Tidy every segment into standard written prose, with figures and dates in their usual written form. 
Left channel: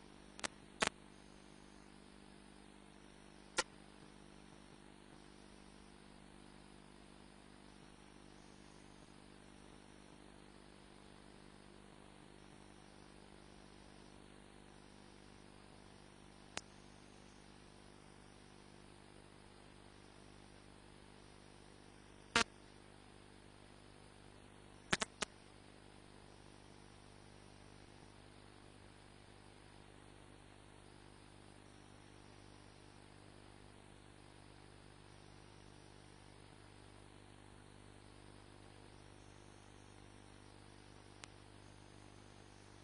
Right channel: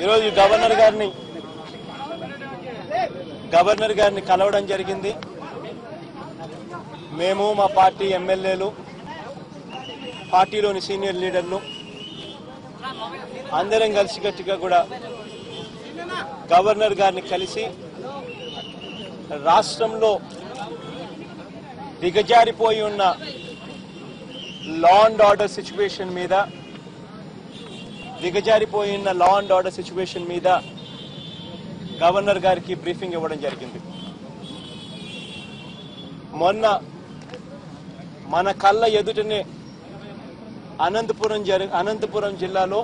ఈరోజు గవర్నర్ గారిని కలవడం జరిగింది. మేము మా పార్టీ ఎమ్మెల్యేలు, పార్టీలోని సీనియర్ లీడర్లు అందరం కలిసికట్టుగా కూడా గవర్నర్ గారిని కలిసి రాష్ట్రంలో దిగజారిపోయి ఉన్న లా అండ్ ఆర్డర్ సిచ్యువేషన్ మీద గవర్నర్ గారికి బ్రీఫింగ్ ఇవ్వడం జరిగింది. మొన్న మన కళ్ళ ఎదుటనే అనంతపురం జిల్లాలో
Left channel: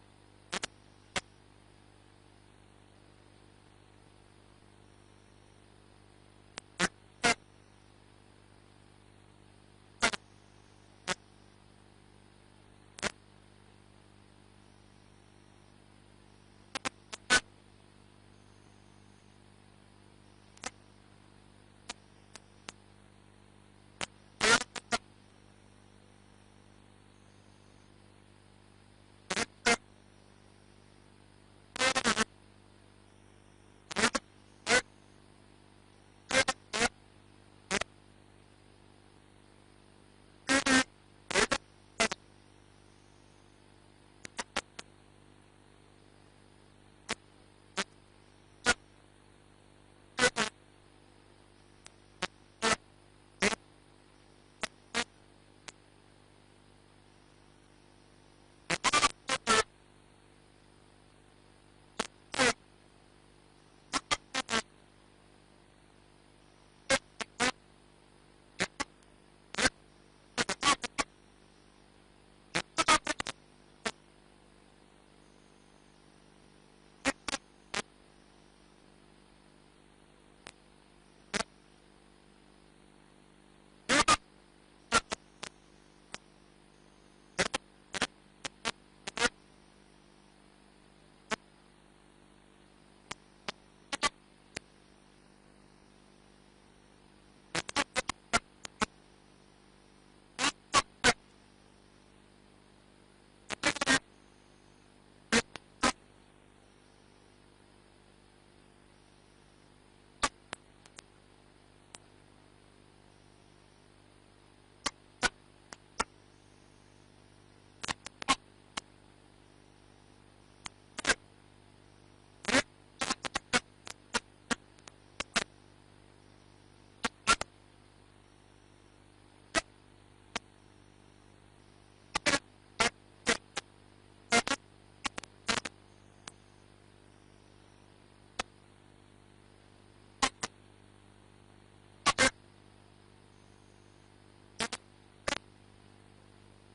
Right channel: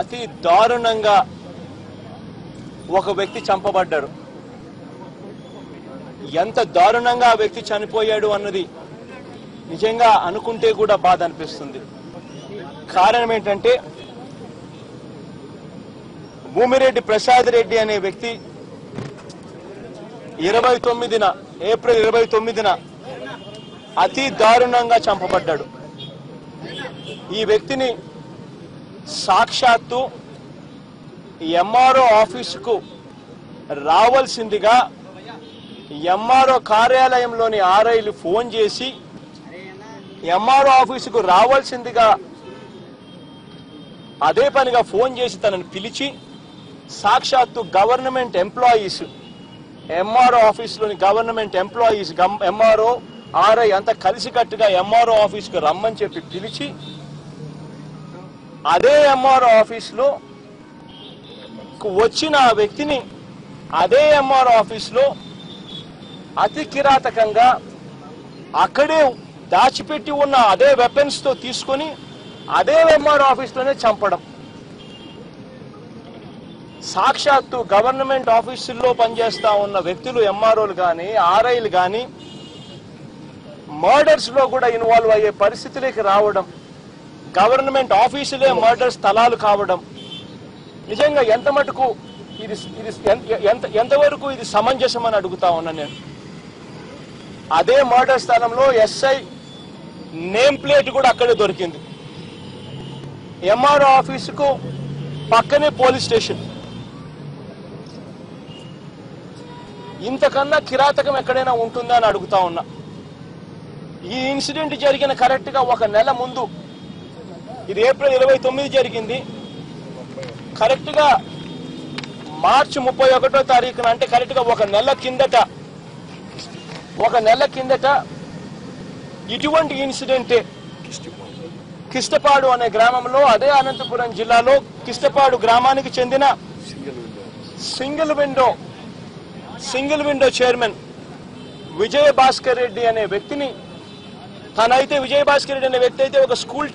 అతి దారుణంగా ఒక వ్యక్తి చంపబడ్డాడు. ఎంత దారుణంగా ఆ వ్యక్తి చనిపోయాడు అన్నది నిజంగా అనుకుంటే కూడా బాధ అనిపిస్తుంది. కారణం ఏంటంటే భూమిరెడ్డి ప్రసాద్ రెడ్డి అనే వ్యక్తి ఏప్రిల్ 29న అతి దారుణంగా చంపబడ్డాడు. ఈ వ్యక్తిని సాక్షాత్తు ఎంఆర్ఓ ఆఫీసుకు రావాల్సిందిగా ఎంఆర్ఓ కార్యాలయంలోని ఆర్ఐలు ఫోన్ చేసి ఎంఆర్ఓ ఆఫీసుకు రావాల్సిందిగా అదే పనిగా ఫోన్ చేసి తనను పిలిచి సాక్షాత్తు గవర్నమెంట్ ఎంప్లాయీస్, ఎంఆర్ఓ ఆఫీసులోని గవర్నమెంట్ ఎంప్లాయీస్, ఎంఆర్ఓ ఆర్ఐ అంతా కలిసికట్టుగా ఎంఆర్ఓ ఆఫీసుకు రమ్మని చెప్పి పిలిచి అదే ఎంఆర్ఓ ఆఫీసులో వచ్చిన ఆ వ్యక్తిని అదే ఎంఆర్ఓ ఆఫీసులో అతి కిరాతకంగా అక్కడే దాచిపెట్టి ఉన్న అదే వెపన్స్ తో తీసుకొని అదే ఎంఆర్ఓ ఆఫీసులోనే చంపడం. సాక్షాత్తు గవర్నమెంట్ ఆఫీసుల్లో పనిచేస్తా ఉన్న వ్యక్తులు, ఎంఆర్ఓలు కానీ ఆర్ఐలు కానీ మర్డర్స్ లో కూడా ఇన్వాల్వ్ అయ్యే పరిస్థితులకి రావడం, గవర్నమెంట్ ఆఫీసులే మర్డర్ స్థలాలు కావడం నిజంగా ఎంత మటుకు ఎంతవరకు ఇది సమంజసం అని అడుగుతా ఉన్నా నేను. అదే మర్డర్ స్థలంలో ఎస్ఐ నేమ్ ప్లేట్ కూడా అక్కడే దొరికింది. ఎంఆర్ఓ ఆఫీసుకు పక్కనే పోలీస్ స్టేషన్. ఇంతకన్నా కిరాతకం ఎక్కడైనా ఉంటుందా అని అడుగుతా ఉన్నా. ఈ ఇన్సిడెంట్ జరిగిన కరెక్ట్ గా ఒక నెల ముందు, ఇది ఏప్రిల్ 29 జరిగింది. కరెక్ట్ గా మార్చి 31వ తారీఖున, అంటే కరెక్ట్ గా ఒక నెల కిందట ఇటువంటి ఇన్సిడెంటే కిష్టపాడు అనే గ్రామంలో, అదే అనంతపురం జిల్లాలో కిష్టపాడు గ్రామానికి చెందిన single window chairman Vijayabhaskar Reddy అనే వ్యక్తిని, విజయభాస్కర్ రెడ్డి అనే వ్యక్తి అయితే ఒక స్కూల్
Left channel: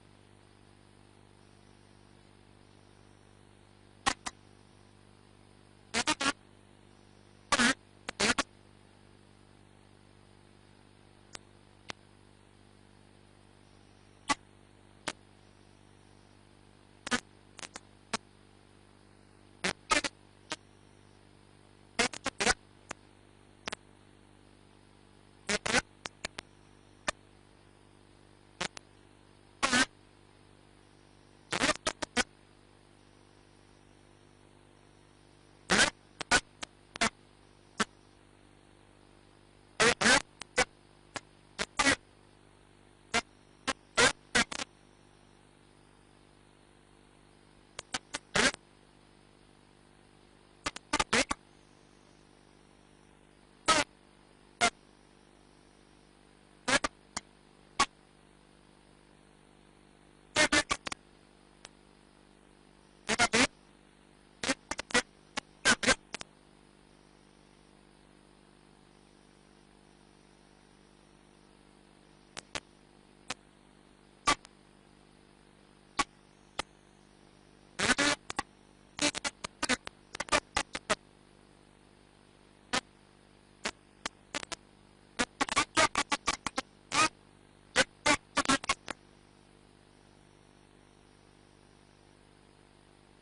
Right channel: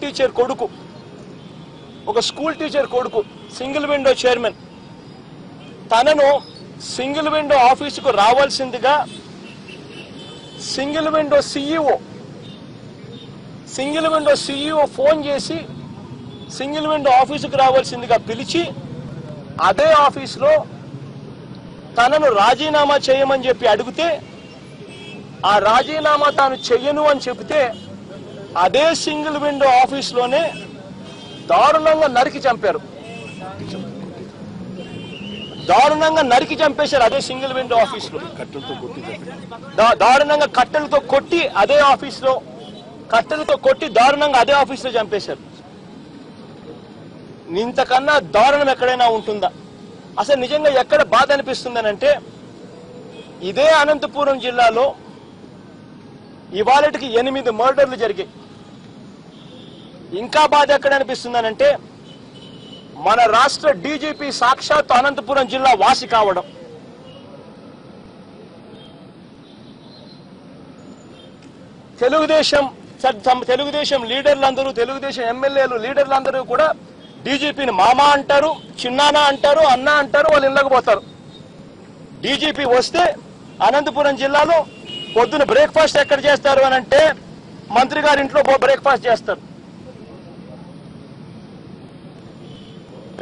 టీచర్ కొడుకు, సింగిల్ విండో చైర్మన్. తనను సింగిల్ విండో ఆఫీసుకు రావాల్సిందిగా సింగిల్ విండో సిఇఓ ఫోన్ చేసి సింగిల్ విండో ఆఫీసుకు రావాల్సిందిగా పిలిచి అదే ఆఫీసులో తనను రాజీనామా చేయమని చెప్పి అడిగితే, ఆ రాజీనామా తాను చెయ్యను అని చెబితే అదే సింగిల్ విండో ఆఫీసులోనే దారుణంగా నరికి చంపేశారు. అదే సింగిల్ విండో ఆఫీసులో దారుణంగా కట్టెలతో కొట్టి దారుణంగా అదే ఆఫీసులో చంపేశారు. ఇంతకన్నా దారుణం ఎక్కడైనా ఉంటుందా? అసలు నిజంగా ఎక్కడ బాధ అనిపిస్తుందనంటే, ఇదే అనంతపురం జిల్లాలో ఇవాళకి 8 మర్డర్లు జరిగాయి. ఇంకా బాధ ఎక్కడ అనిపిస్తుందనంటే, మన రాష్ట్ర డీజీపీ సాక్షాత్ అనంతపురం జిల్లా వాసి కావడం. తెలుగుదేశం లీడర్లందరూ, తెలుగుదేశం ఎమ్మెల్యేలు లీడర్లందరూ కూడా డీజీపీని మామ అంటారు, చిన్నానా అంటారు, అన్న అంటారు, వాళ్ళు ఇళ్ళకి పోతారు. డీజీపీ వస్తే అనంతపురం జిల్లాలో పొద్దున బ్రేక్ఫాస్ట్ ఎక్కడ చేస్తారు అని అంటే మంత్రి గారి ఇంట్లో బ్రేక్ఫాస్ట్ చేస్తారు.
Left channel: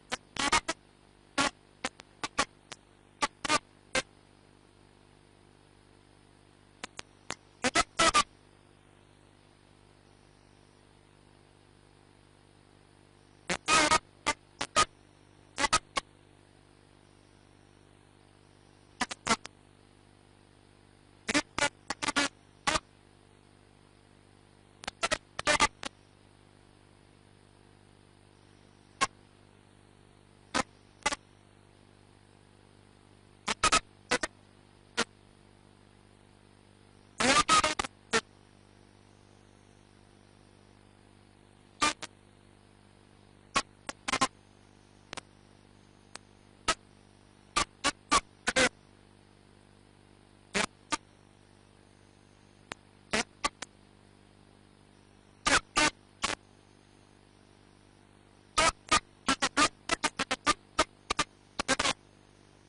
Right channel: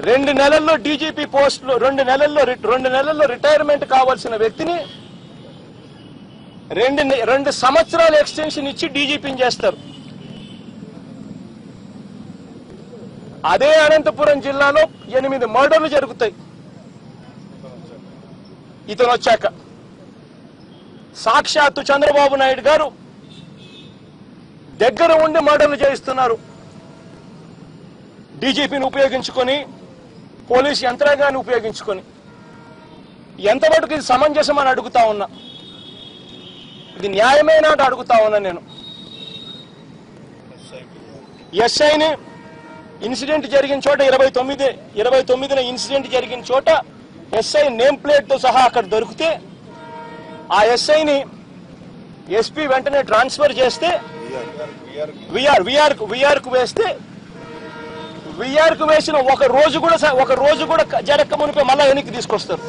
2 నెలల్లో డీజీపీ పోస్టులు, 2 నెలల్లో రిటైర్మెంట్ కావాల్సిన వ్యక్తిని 2 సంవత్సరాల ఎక్స్టెన్షన్ ఇచ్చి డీజీపీని చేస్తారు. అదే అనంతపురం జిల్లాలో 8 మర్డర్లు జరుగుతాయి ఇతను వచ్చాక. సాక్షాత్తు చంద్రబాబు నాయుడు గారు దగ్గర ఉండి మర్డర్లు చేయిస్తున్నారు. డీజీపీని ఉపయోగించుకొని, పోలీస్ యంత్రాంగాన్ని ఉపయోగించుకొని. ఎంతవరకు ఇది సమంజసం అని అడుగుతా ఉన్నా, ఇది న్యాయమేనా అని అడుగుతా ఉన్నా నేను. ఎస్ఐని ఇన్సిడెంట్ జరిగిన చోట 29న ఇన్సిడెంట్ జరిగిన చోట ఎస్ఐ నేమ్ ప్లేట్ తో సహా అక్కడ దొరికితే ఆ ఎస్ఐని ఎస్పీ వెంటనే ట్రాన్స్ఫర్ చేస్తే విఆర్కు వేస్తే విఆర్కు వేసిన ఒక రోజు కూడా జరక్క మునిపే మళ్ళా వెనక్కి తీసుకొస్తారు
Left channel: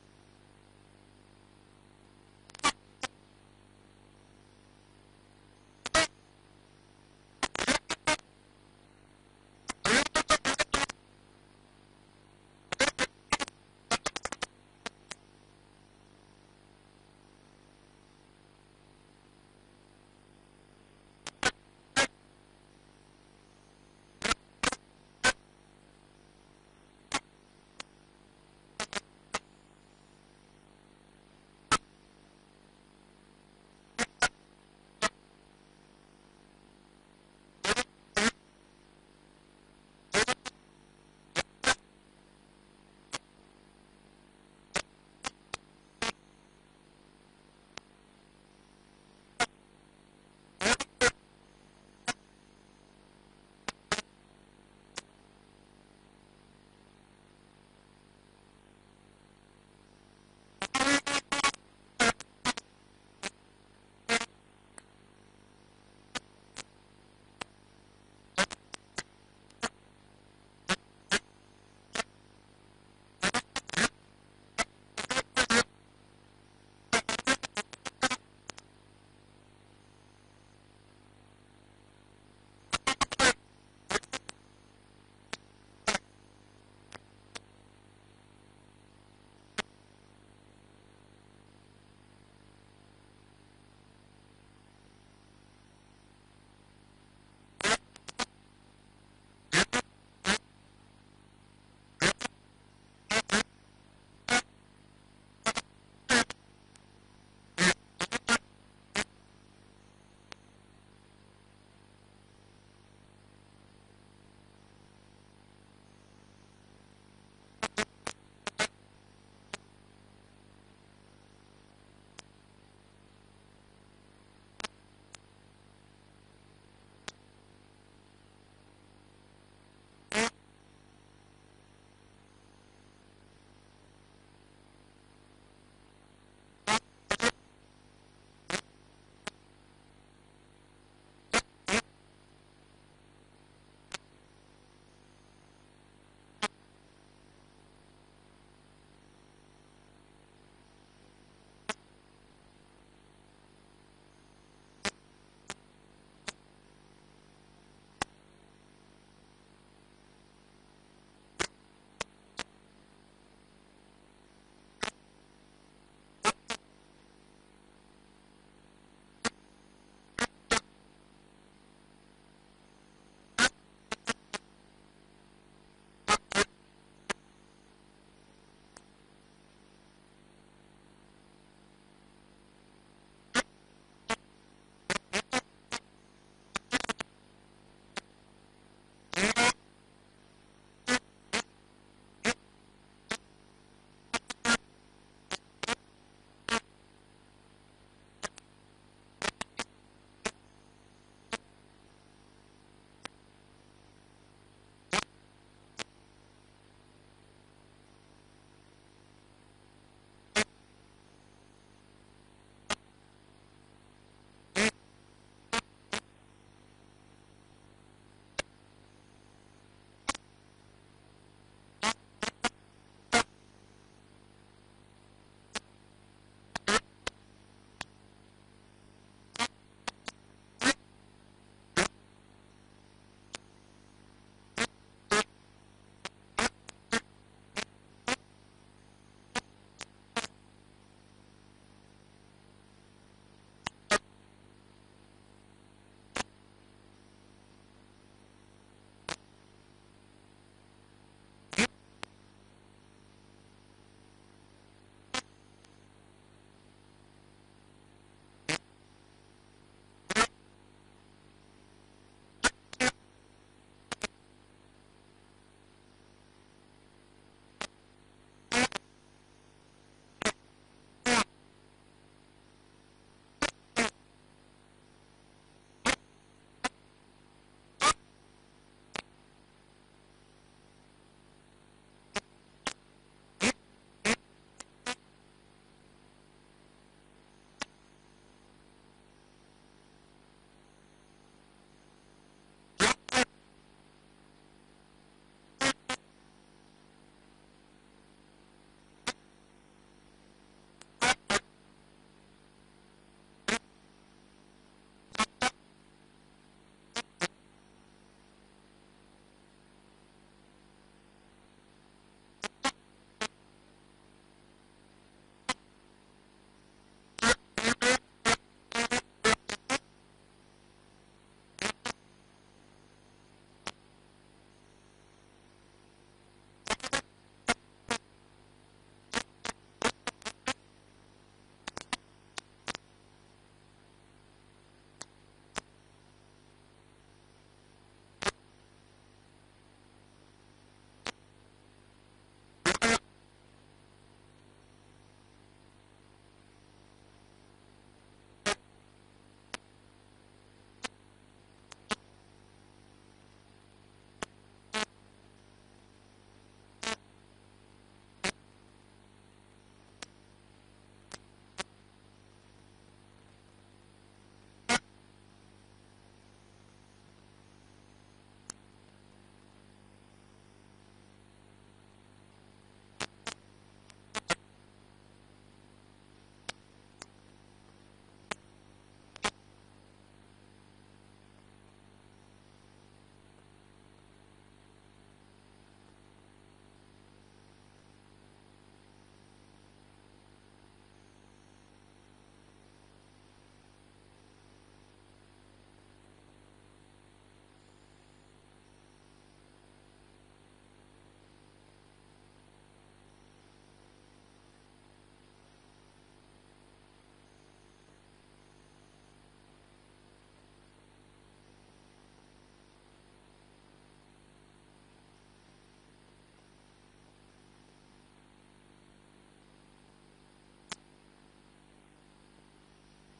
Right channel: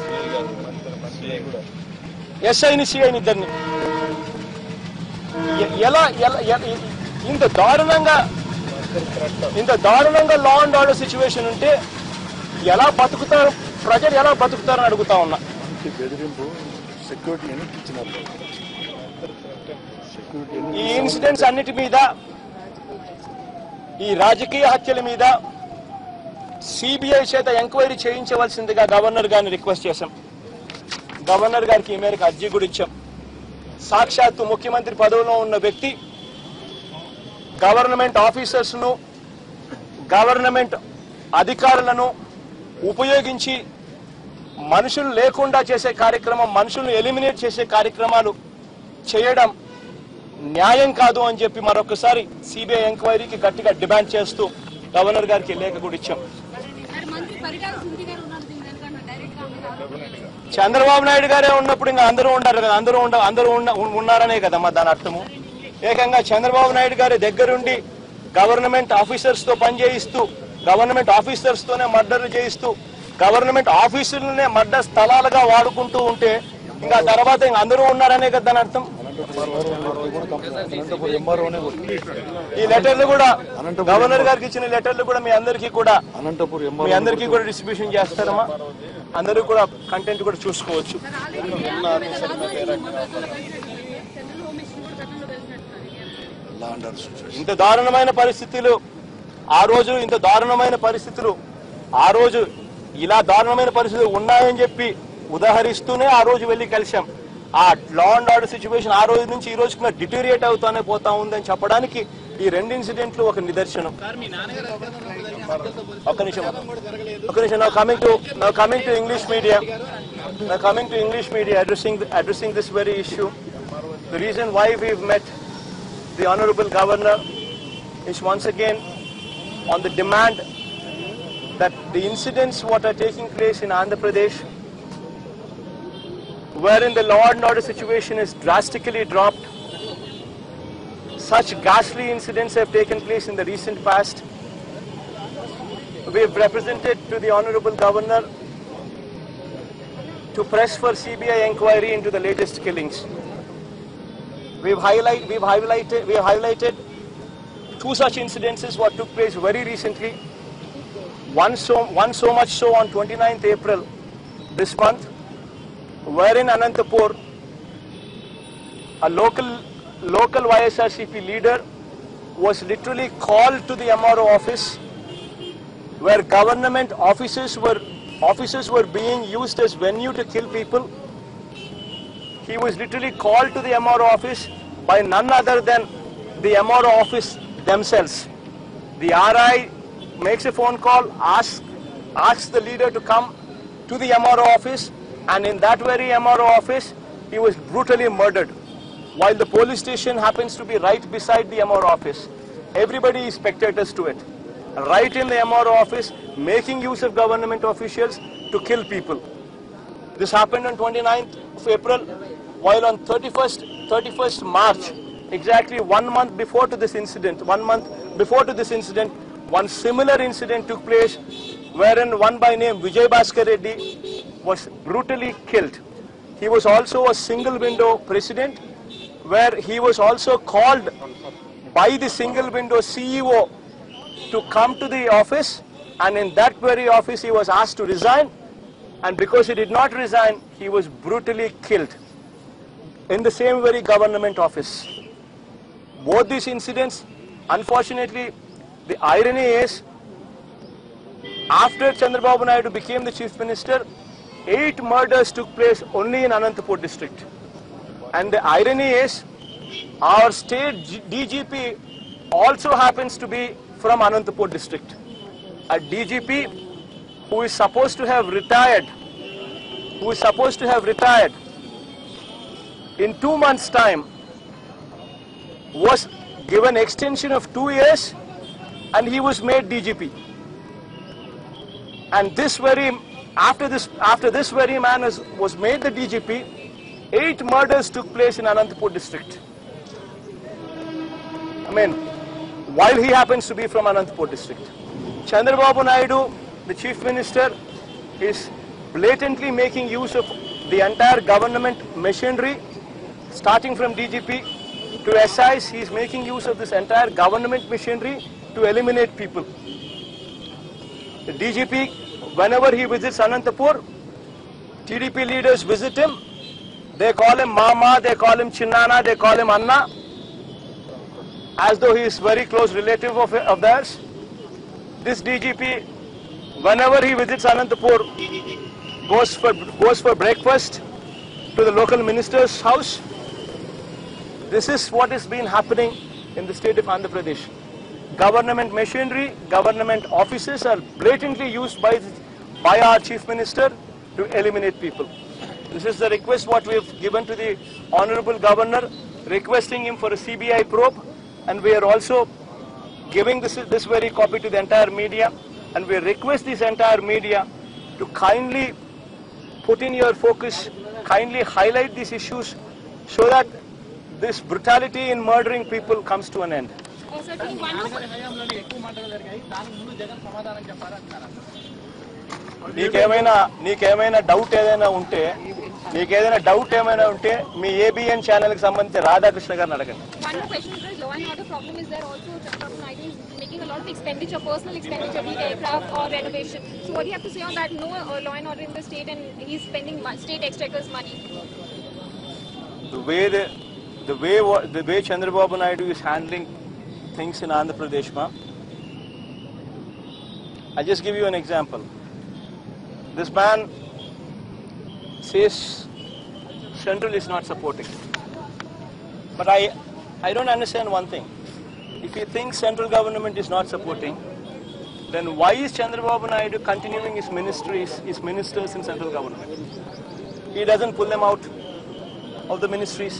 ఎస్ఐని సిఐని ఇద్దరిని. ఎలా ఇంత దారుణంగా లా అండ్ ఆర్డర్ సిచ్యువేషన్ ఉంటే ఎలా బతుకుతారు ప్రజలు, ఎలా బతుకుతారని అడుగుతా ఉన్నా. ఈ ఇన్సిడెంట్స్ అన్నిటి మీద, ఈ రాజకీయ హత్యల మీద సిబిఐ చేత ఎంక్వైరీ చేయించవలసిందిగా గవర్నర్ గారిని రిక్వెస్ట్ చేశాం. గవర్నర్ గారికి ఈ మేరకు అర్జీ కూడా ఇచ్చాం. సాక్షాత్తు ముఖ్యమంత్రి పదవిలో ఉన్న వ్యక్తి గవర్నమెంట్ ఆఫీసర్స్ను, గవర్నమెంట్ అధికారులను ఉపయోగించి మనుషులు లేకుండా చేసే కార్యక్రమం, మనుషులను ఎలిమినేట్ చేసే కార్యక్రమాలు చేయడం న్యాయం కాదు అని చెప్పి మరొకసారి సిబిఐ ఎంక్వైరీకి గట్టిగా డిమాండ్ చేస్తూ గవర్నర్ గారికి లేఖ కూడా ఇచ్చాం. చంద్రబాబు నాయుడు గారే ఉన్నప్పుడు ఇంకా అందరూ ఉండారు కదా, అందరూ ఉన్నారనే కదమ్మా దాని అర్థము. ఏకంగా చంద్రబాబు నాయుడు గారి దగ్గరుండి గవర్నమెంట్ ఆఫీసర్స్ తో పనిచేయిస్తూ, గవర్నమెంట్ ఆఫీసర్స్ తోనే మర్డర్లు చేయిస్తూ, గవర్నమెంట్ ఆఫీసులనే మర్డర్ స్థలాలుగా వాడుకుంటూ ఉంటే ఇంకా తర్వాత ఇంకా అందరూ ఉన్నారనే కదా దాని అర్థం. ఈ లెటర్లు కూడా గవర్నర్ గారికి ఇచ్చిన లెటర్లు కూడా మీ అందరికీ కూడా డిస్ట్రిబ్యూషన్ చేస్తారమ్మా. అందరూ కూడా కంటెంట్ కూడా చూసుకోవచ్చు. ఇంత దారుణమైన పరిస్థితులు ఆ రోజు ఇలా దారుణమైన పరిస్థితులు ఉన్నాయని చెప్పి ఉదాహరిస్తూనే ఆ రోజు వెళ్ళి కలిశాం. ఆ లా అండ్ ఆర్డర్ సిచ్యువేషన్ ఆ రోజు నుంచి ఈ రోజుకి డిటోరియేట్ అవుతానే పోతా ఉందని చెప్పడానికి ఈ 2 ఇన్సిడెంట్లు ఒక నిదర్శనం. ఒక్క నిమిషం. Now coming to English media, addressing this very issue. The reason why we've met the Honorable Governor is once again on the demand that the incidents what are taking place in Andhra Pradesh, wherein the law and order situation is drastically dropped, such ghastly incidents have taken place in the recent past. We have represented to the Honorable Governor to press for CBI inquiry into the latest killings. We have highlighted 2 such incidences what took place very recently. One so much so on 29th April this month, wherein Anantapur, a local YSRCP leader was literally called to the MRO office, where government offices were being used as venue to kill people. He was literally called to the MRO office by none other than the MRO office themselves. The RI makes a phone call, asks the leader to come to the MRO office, and in that very MRO office, he was brutally murdered. While the police station happens to be right beside the MRO office, everybody is spectators to it. Right in the MRO office, making use of government officials to kill people. This happened on 29th of April, while on 31st March, exactly 1 month before to this incident, one similar incident took place, wherein one by name Vijay Bhaskar Reddy was brutally killed. He was also a single window president, where he was also called by the single window CEO to come to the office, and in that very office he was asked to resign, and because he did not resign, he was brutally killed in the same very government office. Both these incidents, unfortunately, the irony is After Chandrababu Naidu became the chief minister, 8 murders took place only in Anantapur district. And the irony is, our state DGP also happens to be from Anantapur district. A DGP who is supposed to have retired, in 2 months' time, was given extension of 2 years, and he was made DGP. And after this very man was made the DGP, 8 murders took place in Anantapur district. I mean, while he happens to be from Anantapur district. Chandrababu Naidu, the chief minister, is blatantly making use of the entire government machinery, starting from DGP to SIs. He is making use of this entire government machinery to eliminate people. The DGP, whenever he visits Anantapur, TDP leaders visit him. They call him Mama, they call him Chinnana, they call him Anna, as though he is very close relative of theirs. This DGP, whenever he visits Anantapur, goes for breakfast to the local minister's house. This is what has been happening in the state of Andhra Pradesh. Government machinery, government offices are blatantly used by our chief minister to eliminate people. This is the request what we have given to the Honorable Governor, requesting him for a CBI probe, and we are also giving this very copy to the entire media, and we request this entire media to kindly put in your focus, kindly highlight these issues so that this brutality in murdering people comes to an end. నీకేమైనా doubt ఏదైనా ఉంటే మీ ABN channel కి సంబంధించి రాధాకృష్ణ గారిని అడగండి. Making a lot of expenditure, personal expenditure, be it aircraft or renovation. So what do you have to say on that? No law and order in the state, and he's spending state exchequer's money. The way Chandrababu Naidu is handling things in Andhra Pradesh, I'll just give you an example. This man says Central is not supporting. But I don't understand one thing. If he thinks central government is not supporting, then why is Chandrababu Naidu continuing his ministers in central government? He doesn't pull them out of the ministries.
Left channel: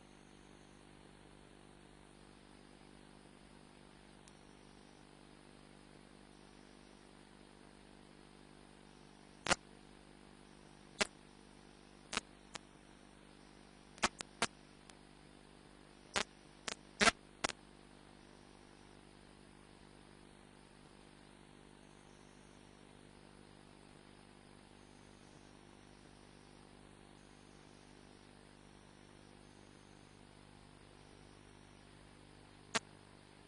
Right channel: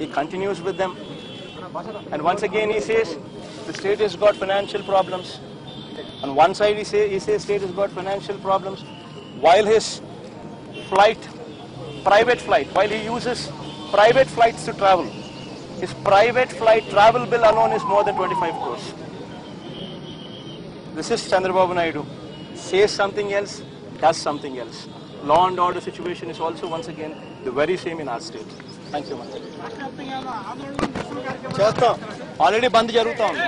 He continues with them. And once again he says the state has got financial problems. On one side he says state has got financial problems, while his private flight, while he uses private flights to travel, his private flight travel bill alone is more than 25 crores. This is Chandrababu Naidu. Says something else, does something else. Law and order situation is also once again the very same in our state. Thank you much. చేస్తాం already బంద్ జరుగుతా ఉంది.